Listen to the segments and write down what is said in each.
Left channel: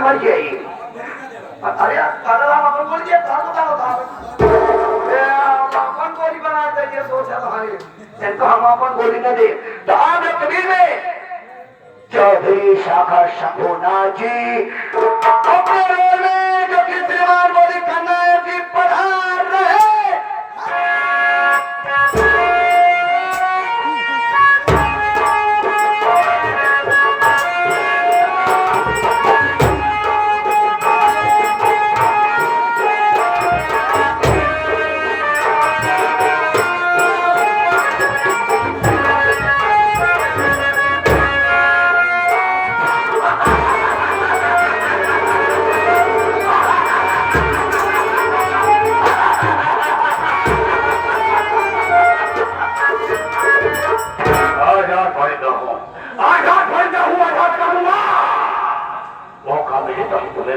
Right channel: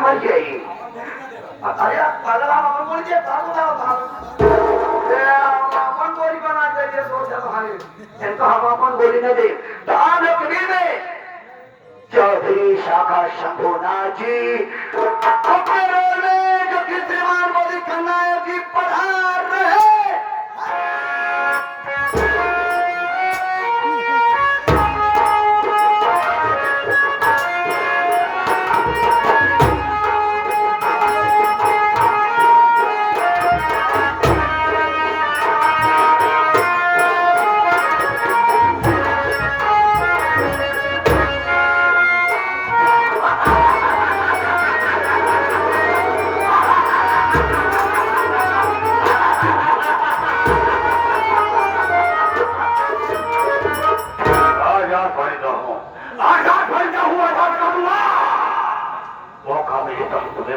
मर गई। अरे दादा अपन बोल दिया था अपन बोली बना दे सोचा भाई इनको हम अपन बोली न दे। तो आप लोग कबीर में चौधरी शाखा शंभुनाथ जी जो कीर्तिमान बोली कन्नौज जी पधार रहे।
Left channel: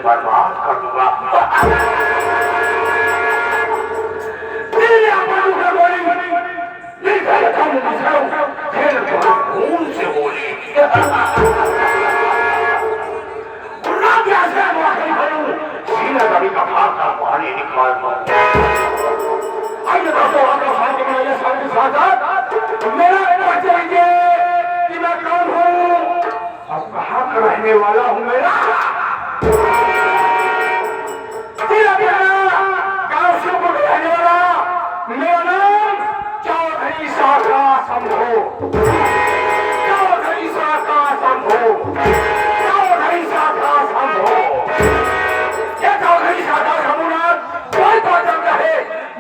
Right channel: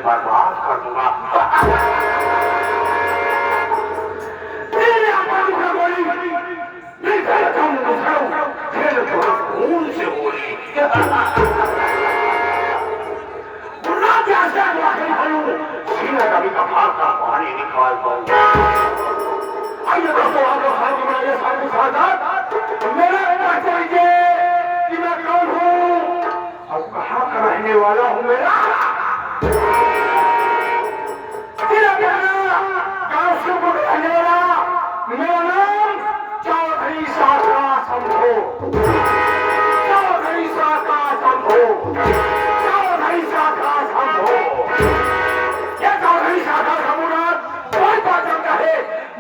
बर्बाद कर दूंगा। खून से बोली सीना कभी कपाल का पानी निकाल आइए मेरा रहना चाहिए कि मैं कौन हूँ और कहाँ का रहने वाला हूँ। मेरा मेरा नाम चौधरी शाखा शंभु। चौधरी शाखा शंभु। चौधरी शाखा शंभु। क्या चौधरी शाखा शंभुनाथ कोई ताकत कहे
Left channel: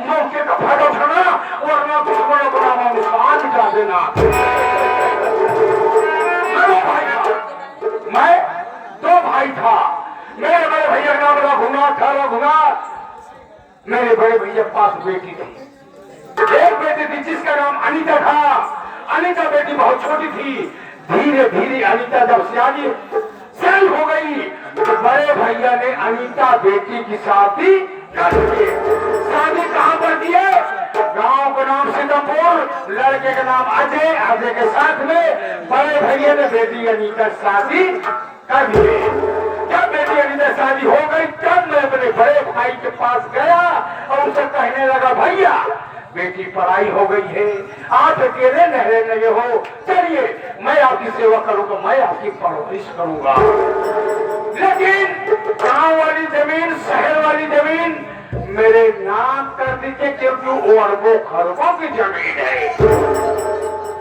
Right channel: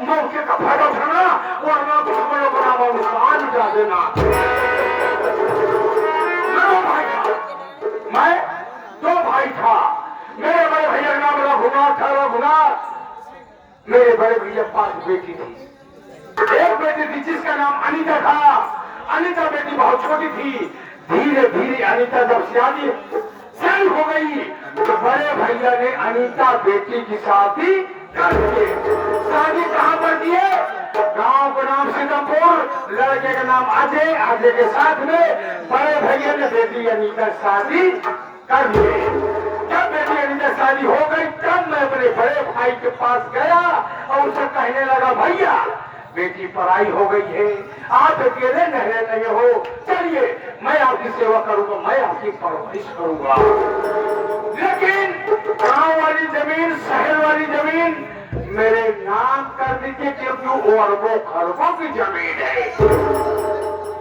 मौके का फायदा उठाना वरना दुश्मनों को नाम अनुसार मिटा देना। मैं दो भाई था। मेरे बड़े भैया का नाम रघुनाथ था। रघुनाथ मेरे बड़े भैया पास बेटी थी। एक बेटी थी जिसका नाम अनीता था। अनीता बेटी बहुत छोटी थी। धीरे धीरे अनीता जब सियानी हो गई तो बड़े भैया ने अनीता बेटी की शादी कर दी। शादी कहाँ पर दिए? गांव का नाम सिंगापुर, लड़के का नाम अजय। अजय के साथ में बड़े भैया ने बेटी अनीता शादी कर दी। जब बेटी अनीता शादी हो गई तब मैं अपने बड़े भाई के पास गया और उसे कहने लगा भैया बेटी पढ़ाई हो गई है, आप अकेले न रह रहे हो, चलिए मैं आपकी सेवा करूंगा, मैं आपकी परवरिश करूंगा। लेकिन गांव वाली जमीन शहर वाली जमीन मेरे नाम कर दीजिए क्योंकि वो अरबों खरबों की जमीन है।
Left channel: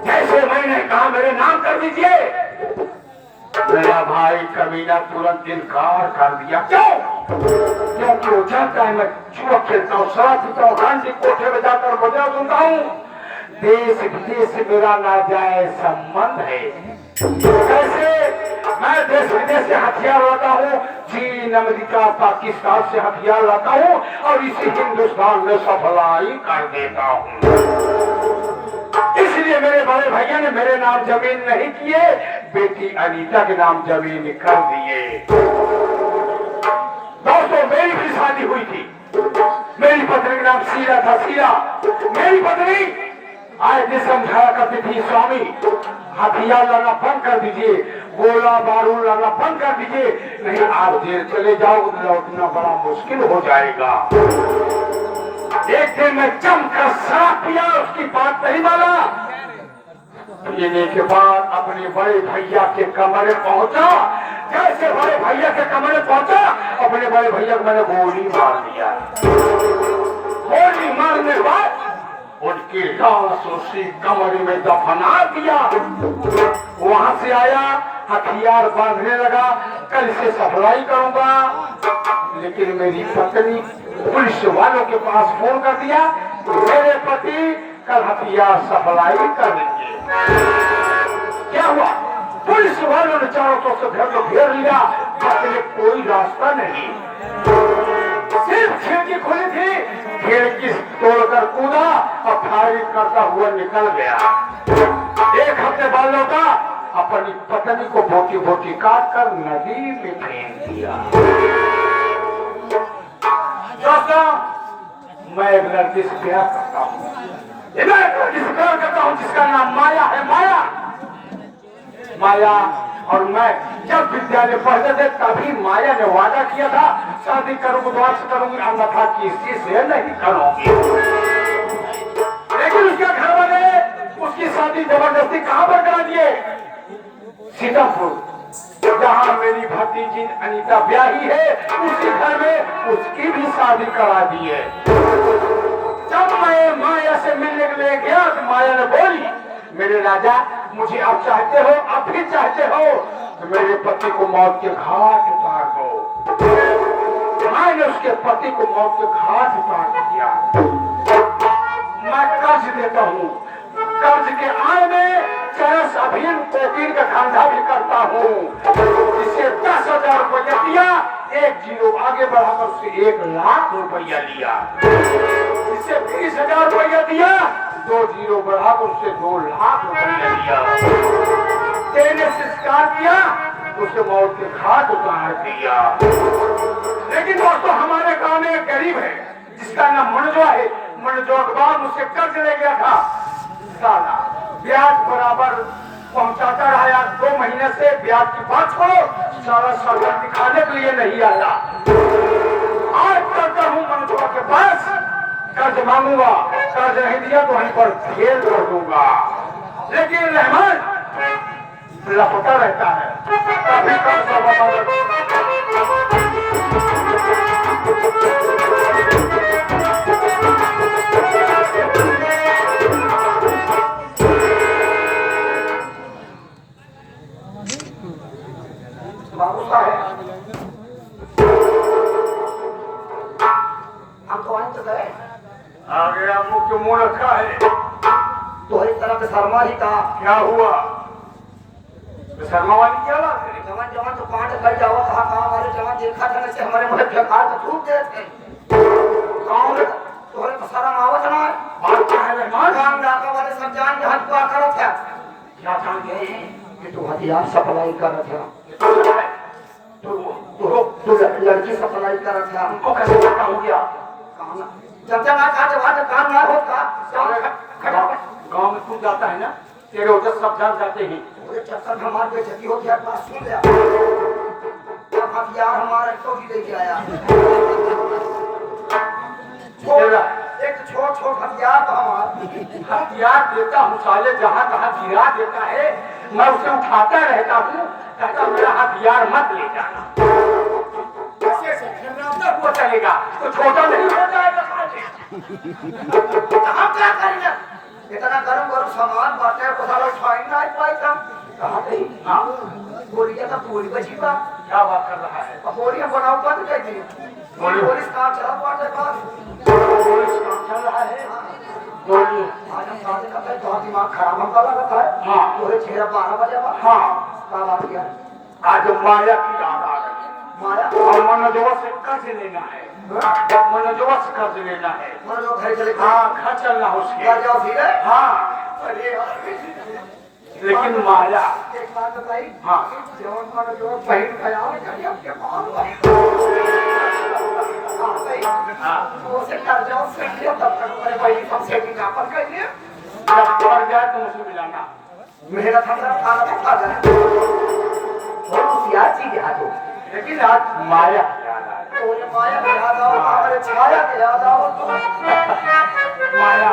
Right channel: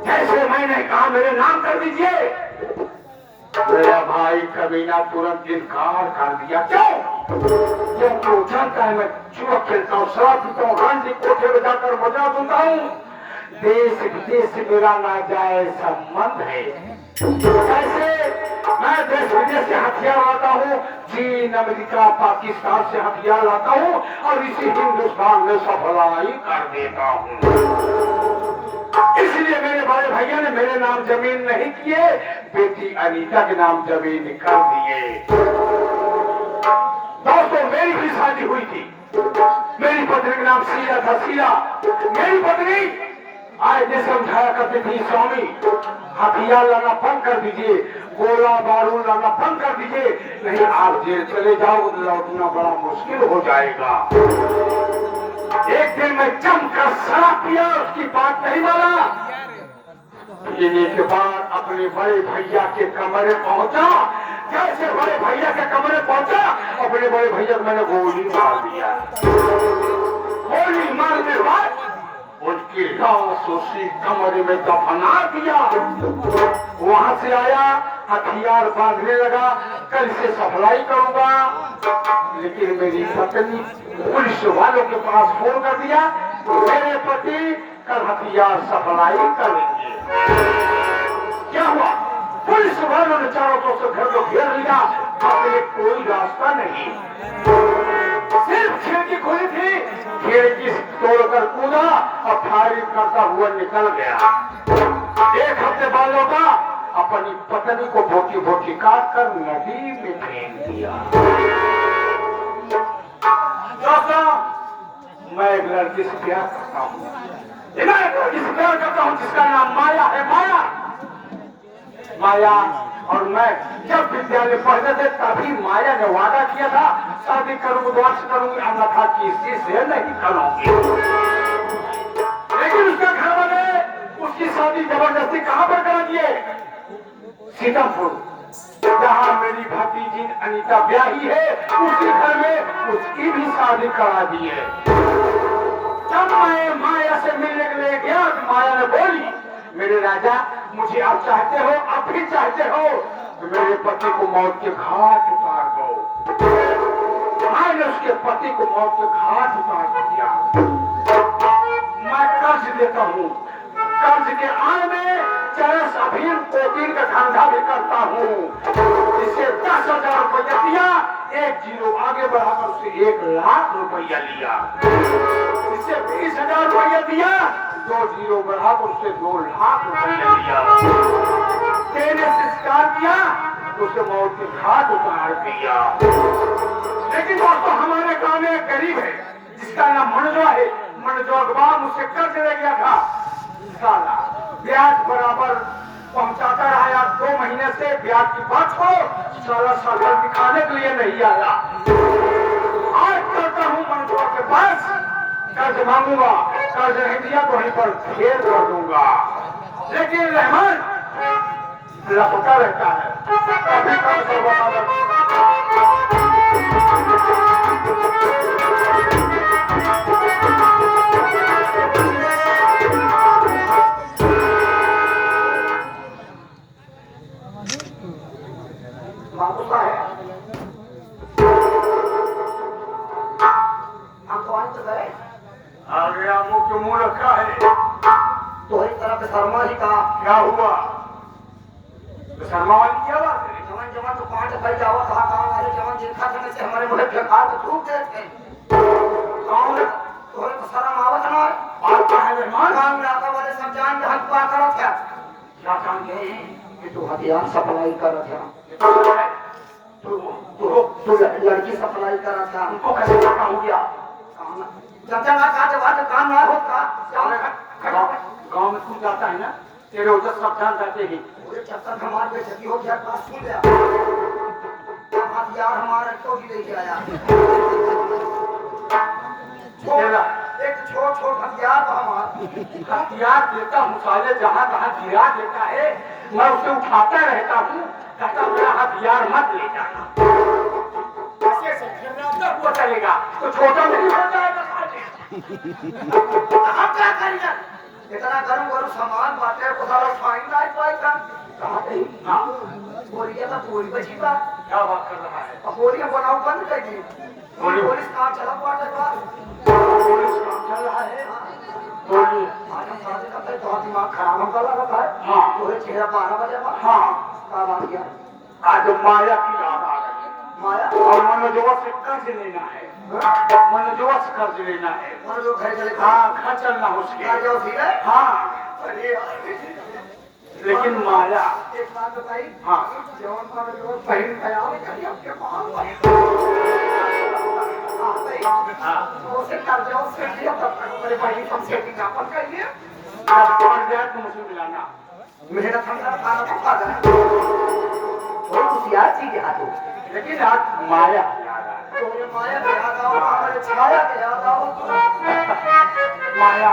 जैसे मैंने कहा मेरे नाम कर दीजिए मेरा भाई कमीना तुरंत इनकार कर दिया। क्योंकि वो चाहता है मैं जुआ खेलता हूँ, शराब पीता हूँ, गांधी कोठे में जाकर मजा सुनता हूँ। देश विदेश से मेरा नाजायज संबंध है। कैसे? मैं देश विदेश से हथियार लाता हूँ, चीन अमेरिका पाकिस्तान से हथियार लाता हूँ और इसी हिंदुस्तान में सफलाई कर देता हूँ। इसलिए मेरे बड़े भैया ने मेरे नाम जमीन नहीं किए, बेटी अनीता के नाम जमीन कर दिए। दोस्तों मेरी भी शादी हुई थी। मेरी पत्नी का नाम शीला था। शीला मेरी पत्नी आज जिस समझाया करती थी स्वामी हथियार लाना बंद कर दीजिए, गोला बारूद लाना बंद कर दीजिए, नहीं आप जेल चले जाओ उतना बड़ा मुश्किल हो जाएगा। एक दिन मैं जमकर शराब पिया, उसकी बात नहीं माना। पीने के बाद अपने बड़े भैया के कमरे पहुंचा। जैसे बड़े भैया के कमरे पहुंचा अपने बड़े भैया को मैंने गोली मार दिया। गोली मारने के बाद उनकी लाश उसी कमरे में दफना दिया। वहां से आया हथियार बांधने लगा, कल से सफलाई करूंगा। लेकिन मेरी पत्नी पुलिस वालों के पास फोन कर दिया मेरे पति कल हथियार सप्लाई करेंगे। क्या हुआ? पुलिस वालों ने चारों तरफ से घर को घेर लिया, अपने कोई रास्ता नहीं, सिर्फ खिड़की खुली थी, खिड़की तोड़कर कूदा और फायरिंग करता हुआ निकल गया। एक हफ्ते बाद लौटा, अपनी पत्नी को बोटी बोटी काट कर नदी में फेंक दिया। दोस्तों मैं एक लड़की से प्यार करता हूँ, मैं एक लड़की से प्यार करता हूँ जिसका नाम माया है। माया और मैं जब विद्यालय पढ़ते थे तभी माया ने वादा किया था शादी करूंगी तो अर्थ करूंगी, अन्यथा किसी से नहीं करूंगी। लेकिन उसके घर वाले उसकी शादी जबरदस्ती कहां पर करा दिए? सीतापुर, जहां मेरी भतीजी अनीता ब्याही है उसी घर में उसकी भी शादी करा दी है। जब मैं माया से मिलने के लिए गया तो माया ने बोली, मेरे राजा मुझे अब चाहते हो, अब भी चाहते हो तो मेरे पति को मौत के घाट उतार दो। मैंने उसके पति को मौत के घाट उतार दिया। मैं कर्ज देता हूँ, कर्ज के आय में चरस अभिन कोकीन का धंधा भी करता हूँ। इसे 10,000 रुपया दिया, एक जीरो आगे बढ़ाकर उसे 1,00,000 रुपया लिया। इसे 20,000 रुपया दिया, 2 जीरो बढ़ाकर उससे 2,00,000 रुपया लिया। देने से स्वीकार किया, उसे मौत के घाट उतार दिया। लेकिन दोस्तों हमारे गांव में एक गरीब है जिसका नाम मनोजवा है। मनोजवा के बाद मुझसे कर्ज ले गया था, साला ब्याज बराबर पहुंचाता रहा। 2 महीने से ब्याज की बात को सारा सरकार दिखाने के लिए नहीं आया। आज करता हूँ मनोजवा के पास, कर्ज मांगूंगा, कर्ज नहीं दिया तो वहीं पर फेल कर दूंगा। लेकिन रहमान लापता रहता है, कभी बाबू साहब हम तो आज गए आ गया, मुख्य मुंह रखा है तो एक तरह से शर्मा ही का क्या हुआ? शर्मा वाली क्या बात है? जमा तो पांच कर जावा था, गांव वाले जमा देखा था से हमारे मुंह पे खार को थूक दे थे। गांव में तोरे तो शर्म आवत ना बात क्या है? मेहमान गांव लाका वाले सब जान के हक पा करो क्या जान के ये तो हथियार सप्लाई कर रहा था। तो लड़की सप्लाई कर रहा था, उनको कैसे पता हो गया? जब तक आज काम ना होता गांव में तू जाता है ना, तेरे उधर सब जान जाते ही चक्कर हमारे बेचती हो गया पास सुन लिया हथियार हमारे को ही लेके आया। एक छोट हथियार हथियार देता हूँ साले, जहाँ तहाँ गिरा देता है, मैं उसे उठाता रहता हूँ, कहता मेरा हथियार मत ले जाना। वो चलेगा तो छोटा नहीं हो जाएगा। हम क्या करेंगे? इतना गरम सामान बातें बोलिए ना, पूरी बची का क्या बात कर रहा है? बोलिए बनाओ बंद कर दी, पुलिस काम चला चल रहा है। बोलिए बहुत दिमाग खराब होता रखा है। हाँ पूरे 12 बजे। हाँ क्या बात किया? आज माया की याद आ गई। माया और मनोजवा से कर्ज लेना है, मनोजवा से कर्ज लेना है। घर चले, हाँ घर चलना हो उसके। हाँ लेकिन माया एक बात बताई। हाँ बहन ख्याल मिलाना मेरा चीज याद हो, लेकिन आप माया माया याद आओ, छाया याद आओ तो माया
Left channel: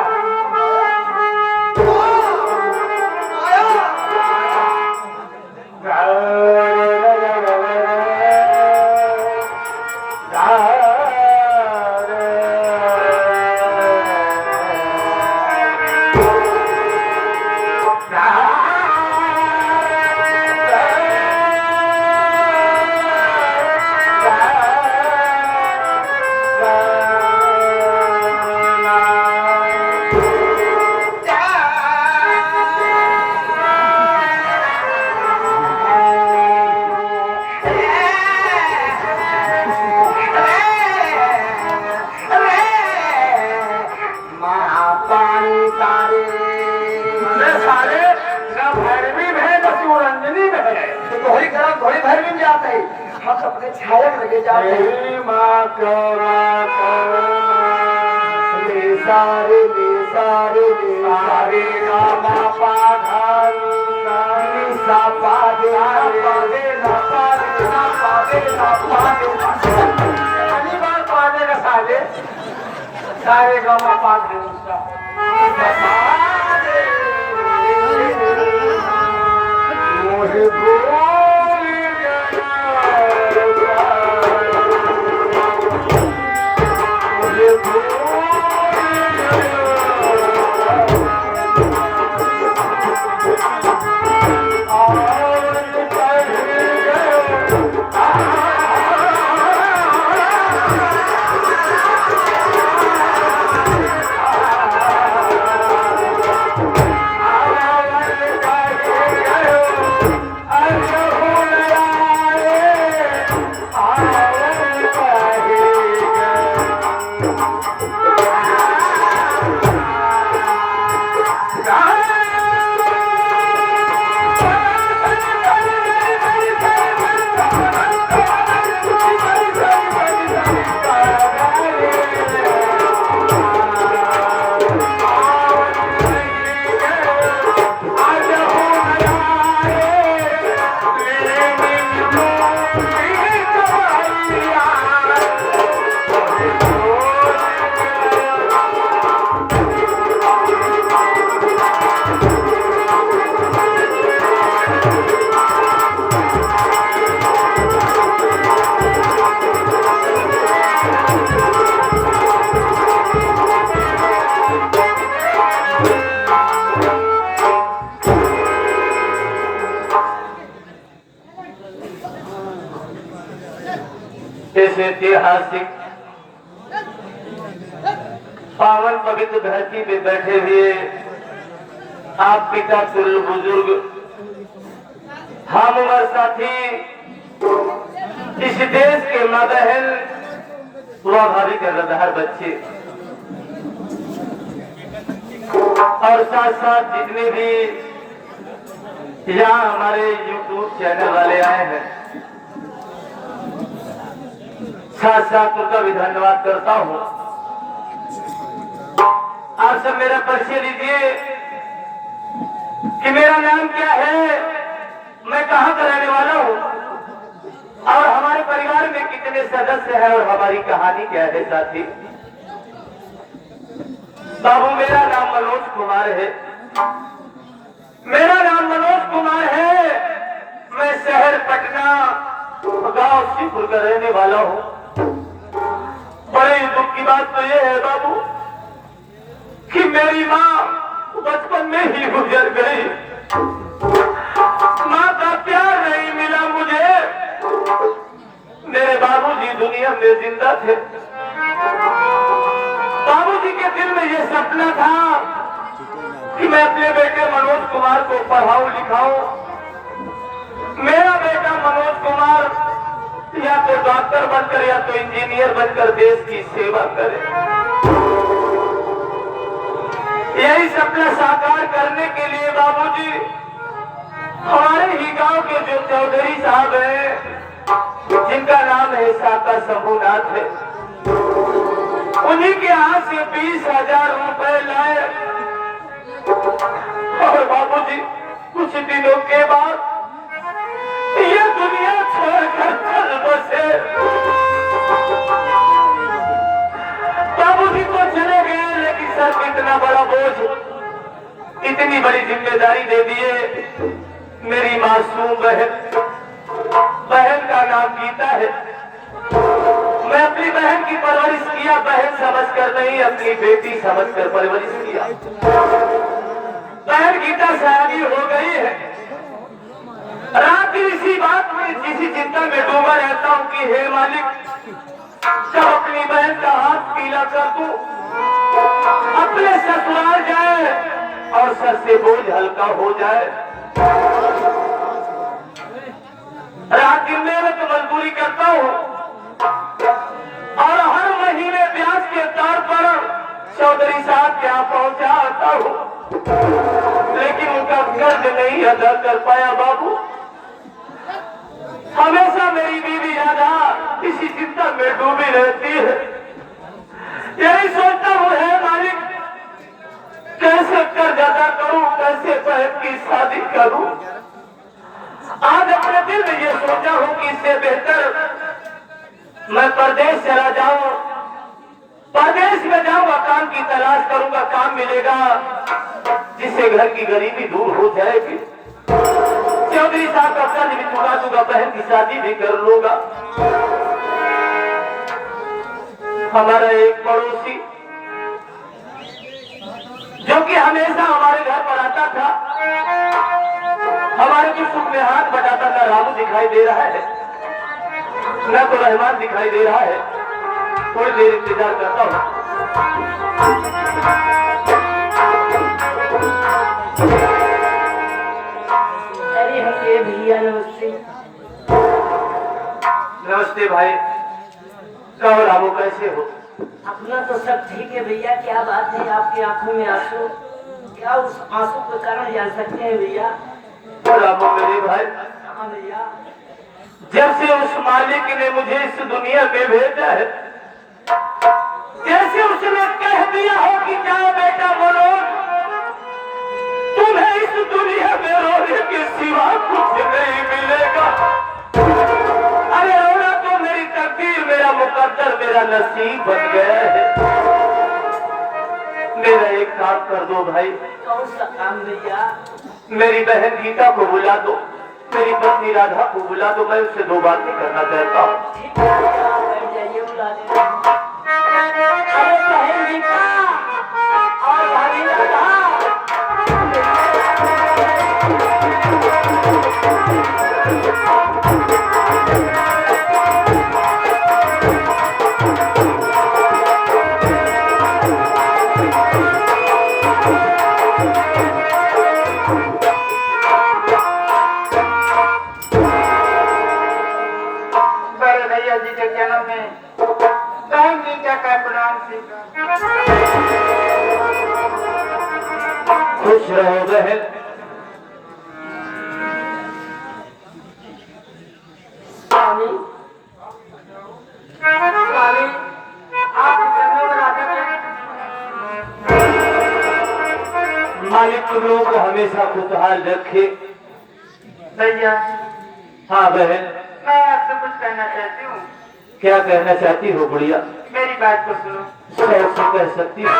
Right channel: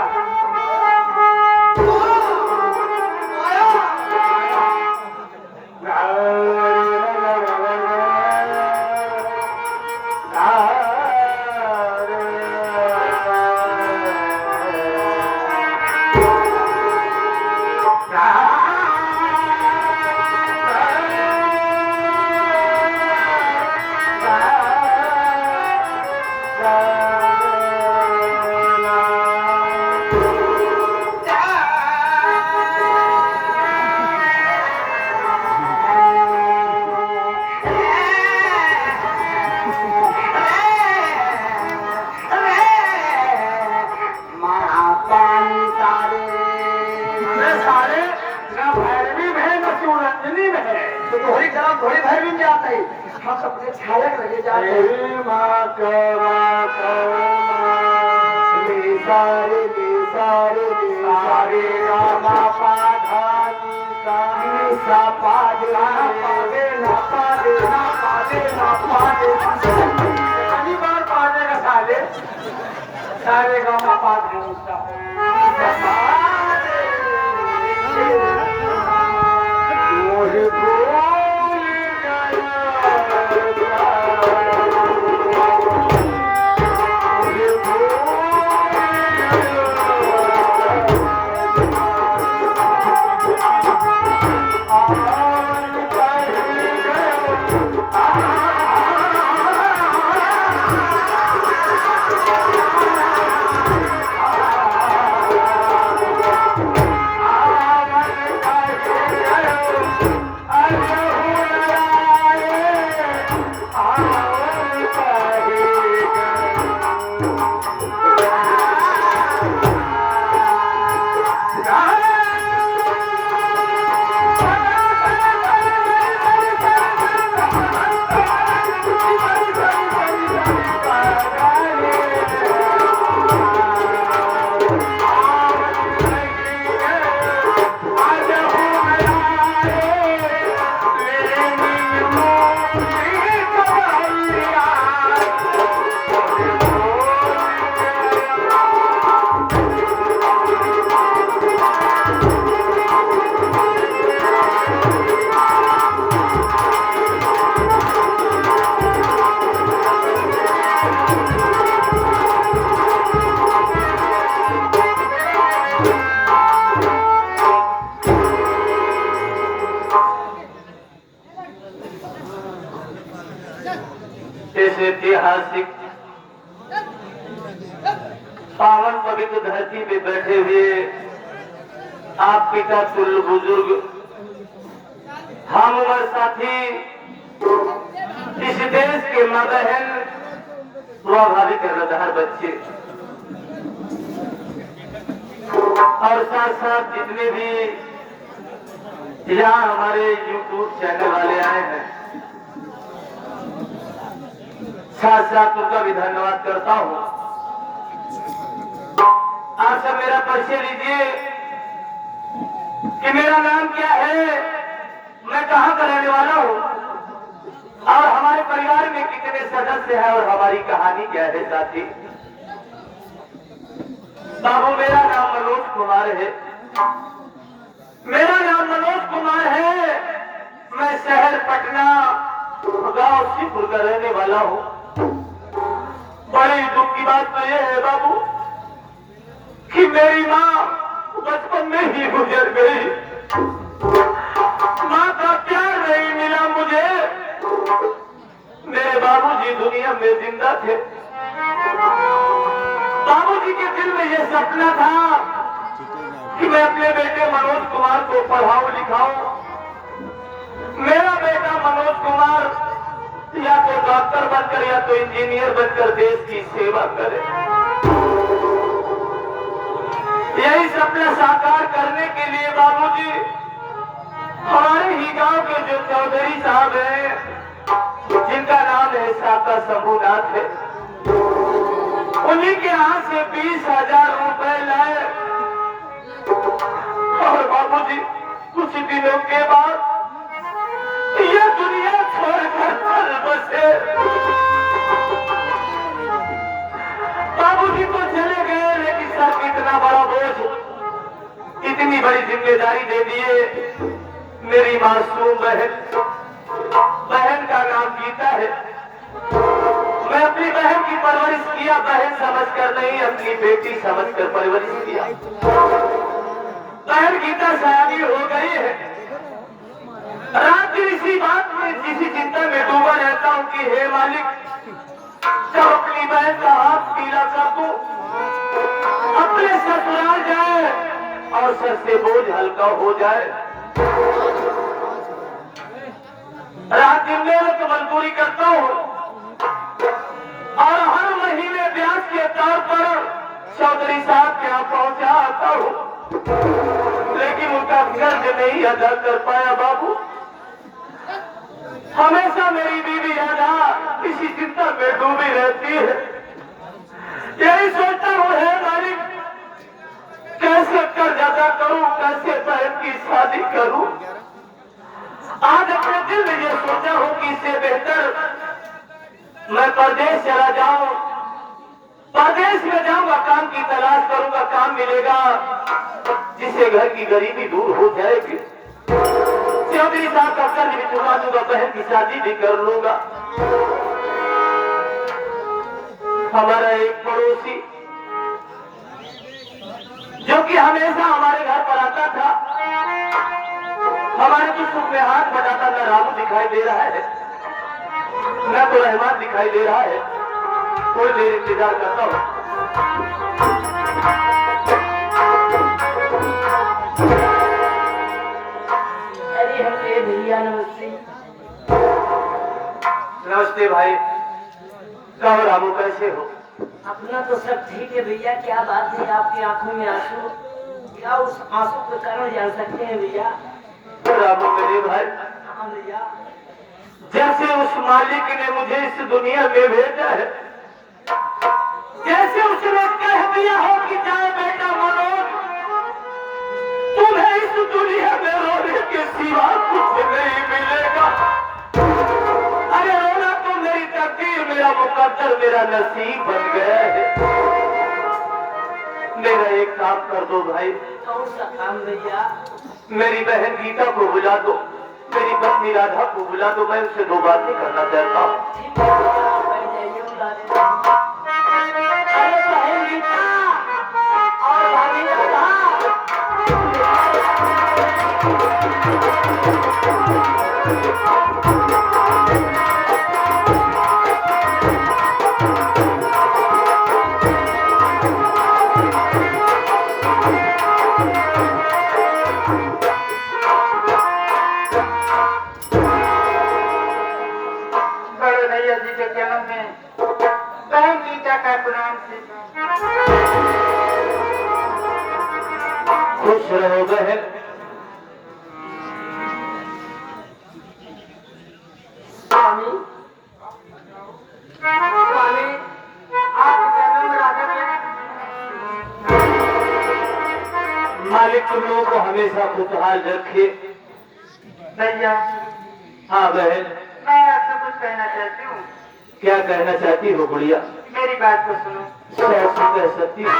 बड़ी भैरवी में जाते हैं, हम अपने छाया लगे जाते हैं। सारे सारे सारे गांव में पास है उसका इस ऐतिहासिक पावन पवित्र धरती पे बैठे हुए आप पिता तुल्य बुजुर्ग हम उम्र साथी इस देश के माँ बहन स्वाभाविक रदार बच्चे और साथ साथ जितने भी यहाँ हमारे YouTube चैनल वाले आए हैं साथ साथ उनका भी धन्यवाद करता हूँ। आप सब मेरा परिचय दीजिए कि मेरा नाम क्या है, मैं कहाँ का रहने वाला हूँ और हमारे परिवार में कितने सदस्य हैं और हमारी कहानी क्या है। साथी बाबू मेरा नाम मनोज कुमार है, मेरा नाम मनोज कुमार है। मैं शहर पटना गांव शिवपुर का रहने वाला हूँ। बड़ी दुख की बात तो ये है बाबू कि मेरी माँ बचपन में ही गुजर गई। माँ का प्यार नहीं मिला मुझे। मेरे बाबूजी दुनिया में जिंदा थे। बाबूजी के दिल में ये सपना था कि मैं अपने बेटे मनोज कुमार को पढ़ाऊं लिखाऊं। मेरा बेटा मनोज कुमार या तो डॉक्टर बनकर या तो इंजीनियर बनकर देश की सेवा करे। यही सपना साकार करने के लिए बाबूजी हमारे ही गांव के जो चौधरी साहब हैं जिनका नाम है साका शंभुनाथ है, उन्हीं के हाथ से 20,000 रुपए लाए और बाबूजी कुछ दिनों के बाद ये दुनिया छोड़कर चल बसे। बाबूजी तो चले गए लेकिन सर इतना बड़ा बोझ, इतनी बड़ी जिम्मेदारी दे दिए। मेरी मासूम बहन का नाम गीता है। मैं अपनी बहन की परवरिश किया, बहन समझकर नहीं अपनी बेटी समझकर परवरिश किया। बहन गीता सयानी हो गई है। रात इसी बात में इसी चिंता में डूबा रहता हूँ कि हे मालिक जब अपनी बहन का हाथ पीला कर दूं, अपने ससुराल जाए और सर से बोझ हल्का हो जाए। रात दिन में मैं तो मजदूरी करता हूँ और हर महीने ब्याज के तौर पर चौधरी साहब के यहाँ पहुंचा आता हूँ, लेकिन उनका कर्ज नहीं अदा कर पाया। बाबू हमेशा मेरी बीवी राधा इसी चिंता में डूबी रहती है। यही सोचता हूँ है मालिक कैसे कर्ज अदा करूं, कैसे बहन की शादी करूं। आज अपने दिल में ये सोचा हूँ कि इससे बेहतर मैं परदेश चला जाऊं, परदेश में जाऊंगा, काम की तलाश करूंगा, काम मिलेगा जिससे घर की गरीबी दूर हो जाएगी। चौधरी साहब का कर्ज भी चुका दूंगा, बहन की शादी भी कर लूंगा। हमारा एक पड़ोसी जो कि हमेशा हमारे घर पर आता था, हमारे की सुख में हाथ बटाता था, रामू दिखाई दे रहा है, न तो रहमान दिखाई दे रहा है। थोड़ी देर इंतजार करता हूँ। अरे हमें भैया नमस्ते। नमस्ते भाई, कहो रामू कैसे हो? अपना तो सब ठीक है भैया, क्या बात है आपकी आंखों में आंसू, क्या उस आंसू का कारण जान सकते हैं भैया? रामू मेरे भाई, हाँ भैया। जब से उस मालिक ने मुझे इस दुनिया में भेजा है, जैसे उसने कह दिया हो कि जाओ बेटा मनोज, तुम्हें इस दुनिया में रोने के सिवा कुछ नहीं मिलेगा। अरे रोना तो मेरी तकदीर, मेरा मुकद्दर, मेरा नसीब बन गया है। मेरा एक काम कर दो भाई। कौन सा काम भैया? मेरी बहन गीता को बुला दो, मेरी पत्नी राधा को बुला दो, मैं उससे दो बातें करना चाहता हूँ। ठीक है भैया, आप कर जाइए, बुला देते हैं। अरे बहन गीता और भाभी राधा, भैया जी के जन्म में बहन गीता का प्रणाम से खुश रहो बहन। स्वामी स्वामी, आप जन्म राधा के मालिक तुम लोगों को हमेशा खुशहाल रखे। भैया हाँ बहन, मैं आपसे कुछ कहना चाहती हूँ। क्या कहना चाहती हो गुड़िया? मेरी बात को सुनो। कैसे कह सकती हो?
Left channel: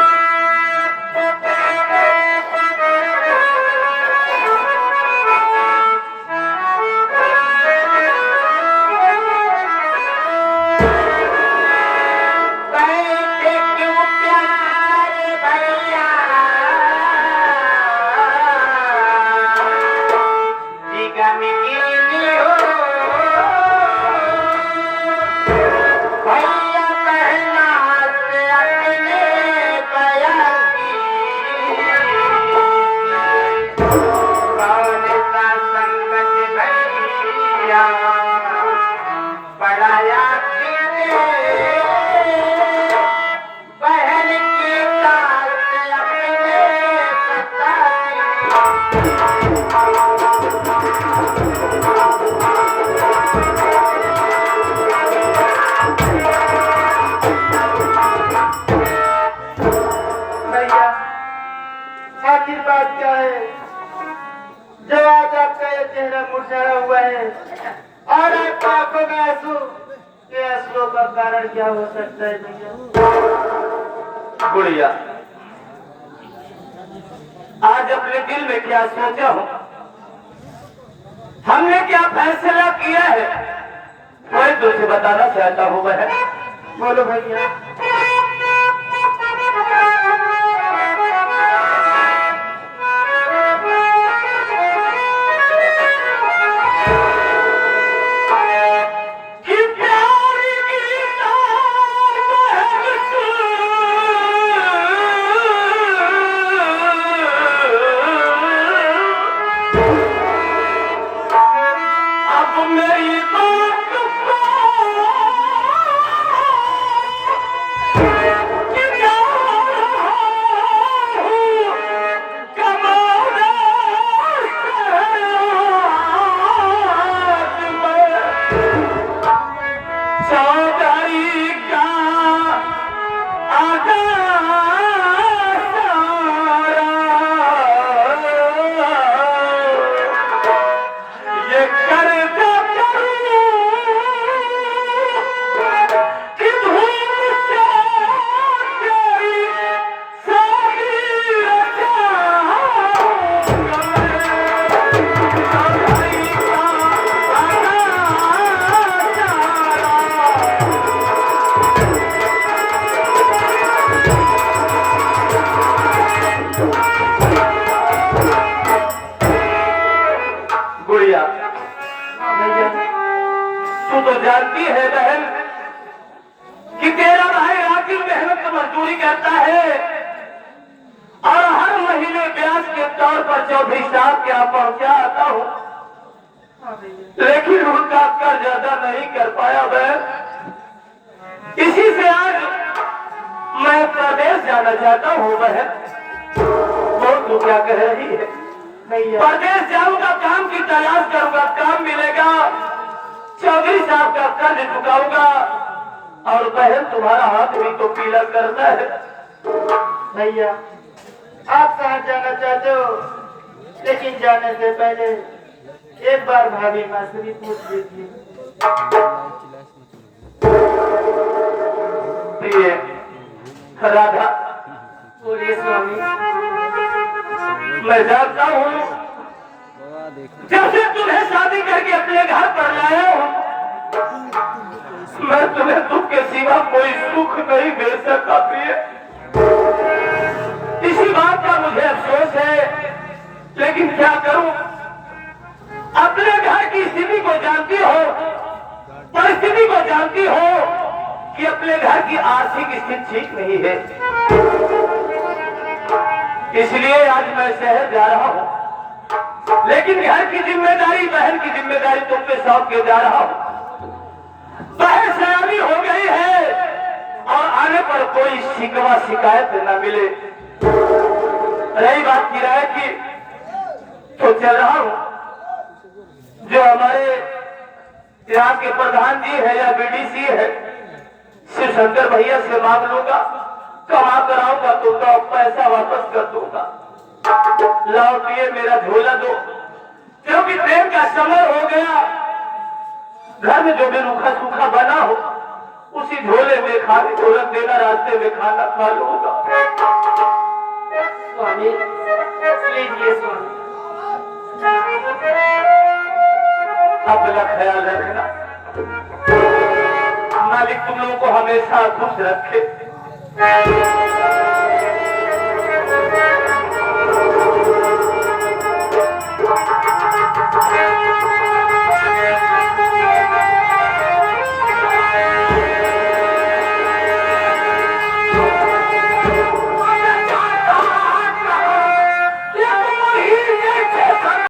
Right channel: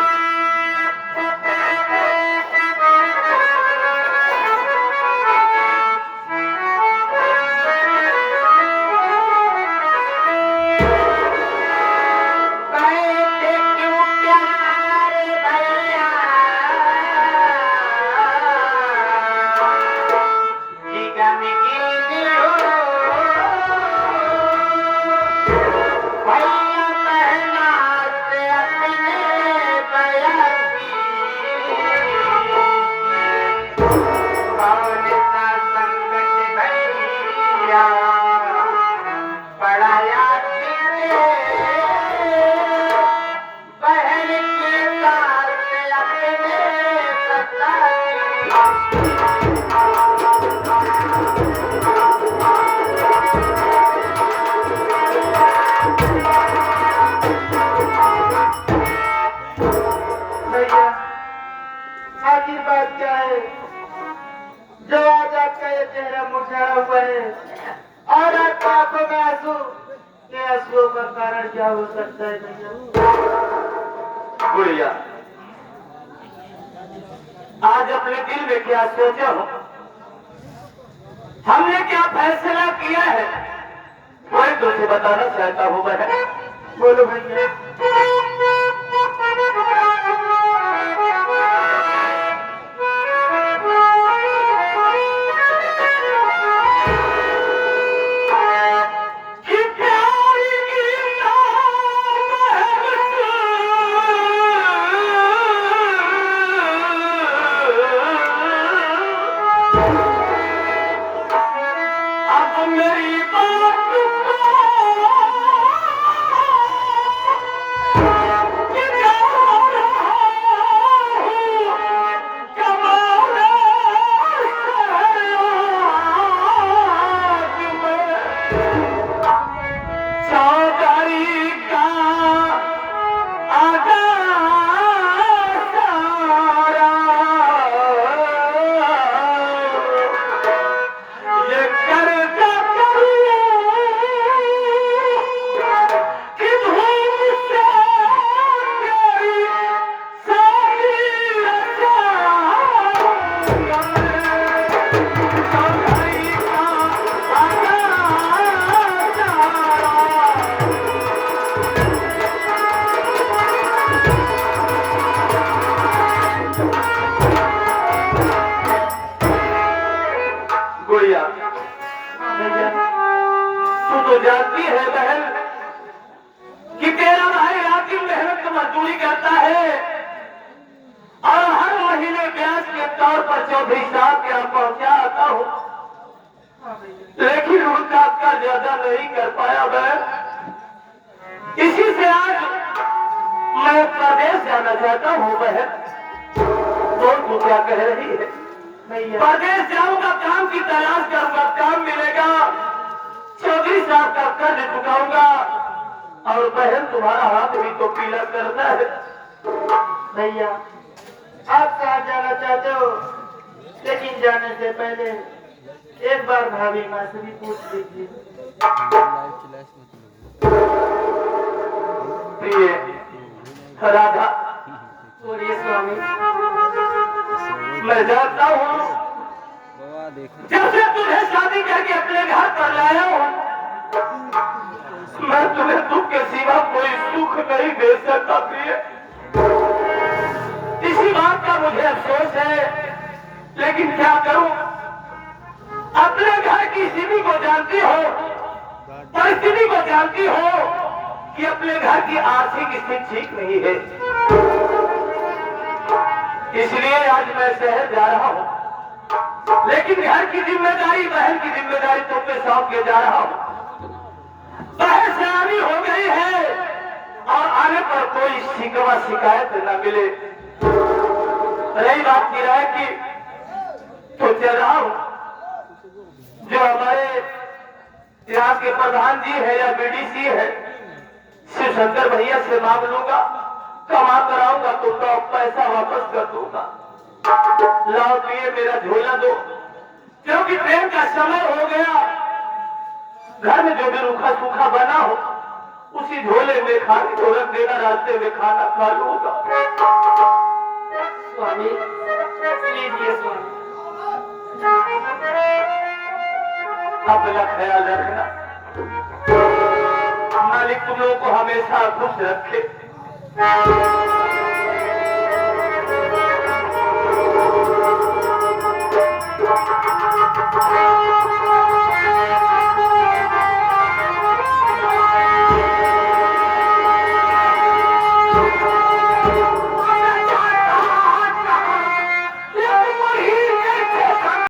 आखिर बात क्या है जो आज आपका ये चेहरा मुरझाया हुआ है और आपकी आंखों में आंसू, ये आंसुओं का कारण क्या हो सकता है भैया? गुड़िया, आज अपने दिल में क्या सोचा हो, हमने क्या फैसला किया है, कोई तुझे बताना चाहता हूँ बहन। बोलो भैया। अभिशाप क्या पहुंचाता हूँ, लेकिन उनका कर्जा नहीं कर पाया बहन। इसी से आज मैं प्रदेश जाना चाहता हूँ बहन। और तू क्या कह रही है? प्रदेश जाऊंगा, काम की तलाश करूंगा, काम मिलेगा, चौधरी साहब का कर्ज चुकाऊंगा। और बहन तुम्हारा हाथ भी तो पीला करता है। भैया आप कहाँ जाना चाहते हो, लेकिन जाने से पहले एक बार भाभी माँ से भी पूछ लीजिए। प्रिय राधा, बोलिए स्वामी। मैं जानता हूँ जब से तुम्हें शादी करके अपने घर पर लाया हूँ, मैं तुम्हें दुख के सिवा कोई सुख नहीं दे सकता प्रिय। इसी बात का मुझे अफसोस है, लेकिन क्या करूं? अपने घर की स्थिति को जानती हो, परिस्थिति को जानती हो कि अपने घर की आर्थिक स्थिति ठीक नहीं है। इसलिए आज मैं शहर जा रहा हूं, लेकिन घर की जिम्मेदारी, बहन की जिम्मेदारी तुम पे सौंप के जा रहा हूं। बहन सयानी हो गई है और आने पर कोई शिकवा शिकायत न मिले। रही बात किराए की, तो चल रहा हूं। जो हमारे यहाँ के प्रधान जी है या बीडीसी है, शिव शंकर भैया से मांग लूंगा, कमा कर आऊंगा तो पैसा वापस कर दूंगा। लाओ पिए मेरा झोला दो, क्योंकि ट्रेन का समय हो गया। घर में जो भी रूखा सूखा बना हो उसी झोले में खाने को रख देना, रास्ते में खाना खा लूंगा। स्वामी लीजिए स्वामी। अपना ख्याल रखना, मालिक तुम लोगों को हमेशा खुश रखे।